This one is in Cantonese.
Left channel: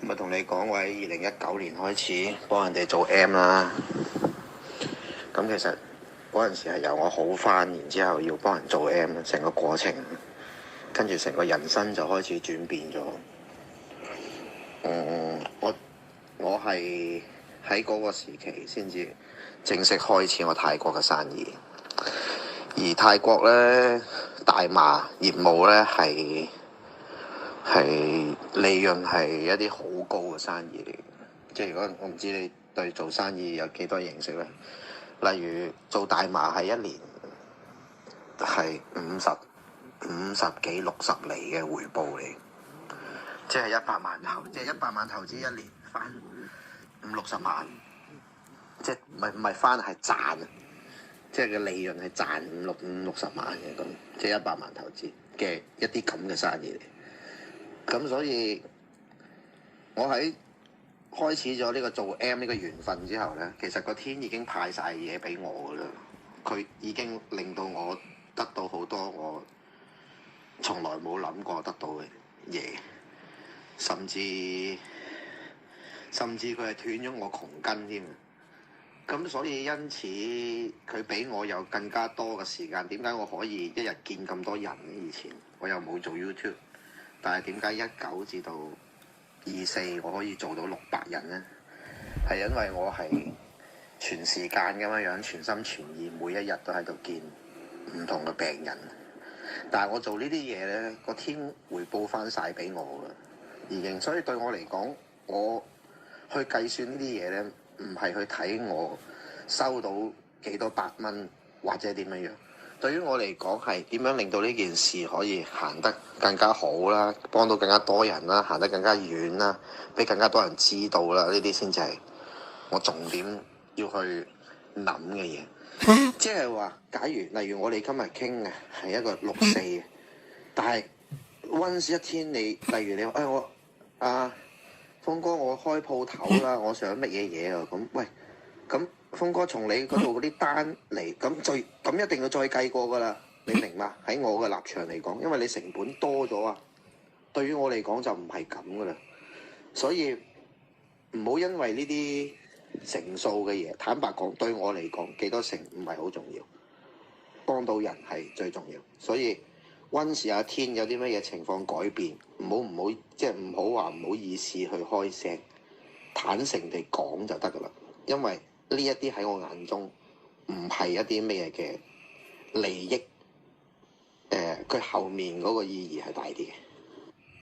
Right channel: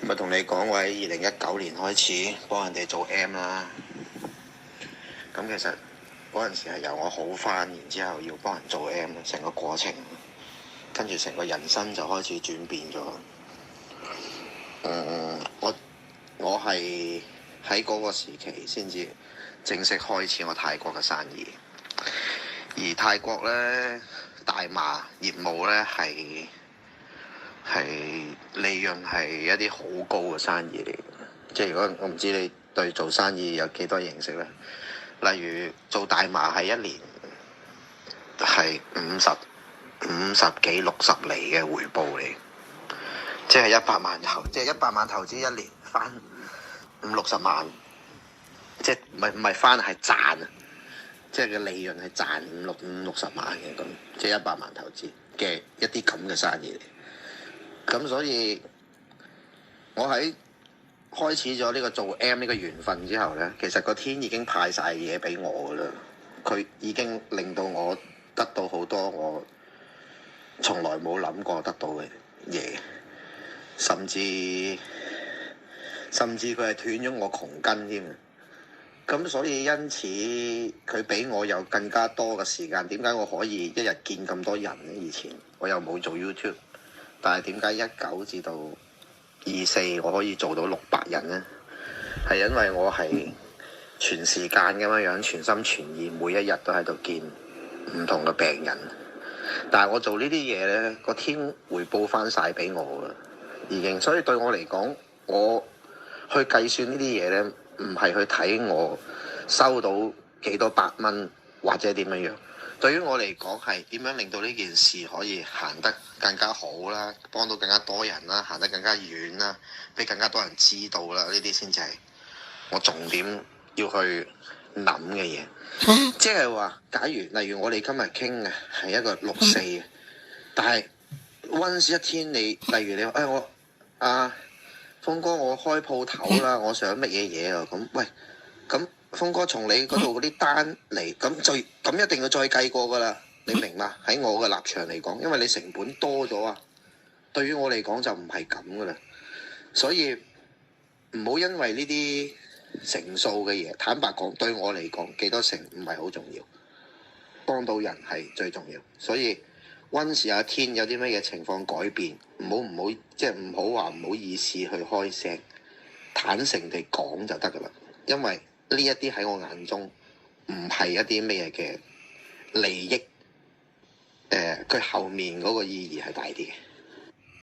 咪同你講，我喺2019年開始幫人哋做 M 啦。咁其實嗰陣時係由我好返，然之後要幫人做 M，成個過程，跟住成個人生就開始轉變咗。我係喺嗰個時期先至正式開始我泰國嘅生意。而泰國咧大麻業務咧係利潤係一啲好高嘅生意嚟嘅。即係如果我唔知你對做生意有幾多認識咧，例如做大麻係一年係50幾60厘嘅回報嚟，即係100萬投資一年翻50-60萬，即係唔係翻係賺啊！即係嘅利潤係賺50-60萬嘅，咁即係100萬投資嘅一啲咁嘅生意嚟。咁所以我喺開始咗呢個做 M 呢個緣分之後咧，其實個天已經派晒嘢俾我噶啦，佢已經令到我得到好多我從來冇諗過得到嘅嘢，甚至佢係斷咗我窮根添。咁所以因此佢俾我有更加多嘅時間。點解我可以一日見咁多人咧？以前我又冇做 YouTube， 但係點解19至到24我可以做到600人咧？係因為我係全時間咁樣全心全意，每一日都喺度見唔同嘅病人。但係我做呢啲嘢咧，個天回報翻晒俾我啦，已經。所以對我嚟講，我去計算呢啲嘢咧，唔係去睇我收到幾多百蚊或者點樣樣。對於我嚟講，係點樣令到呢件事可以行得更加好啦，幫到更加多人啦，行得更加遠啦，俾更加多人知道啦。呢啲先至係我重點要去諗嘅嘢。即係話，假如例如我哋今日傾嘅係一個64嘅，但係溫氏一天你，例如你話我峰哥，我開鋪頭啦，我想乜嘢嘢啊？咁喂，咁峰哥從你嗰度嗰啲單嚟，咁一定要再計過噶啦，你明嘛？喺我嘅立場嚟講，因為你成本多咗啊，對於我嚟講就唔係咁噶啦，所以唔好因為呢啲成數嘅嘢，坦白講對我嚟講幾多成唔係好重要，幫到人係最重要。所以溫氏有一天有啲乜嘢情況改變，唔好即係唔好話唔好意思去開聲，坦誠地講就得噶啦。因為呢一啲喺我眼中唔係一啲咩嘅利益，佢後面嗰個意義係大啲嘅。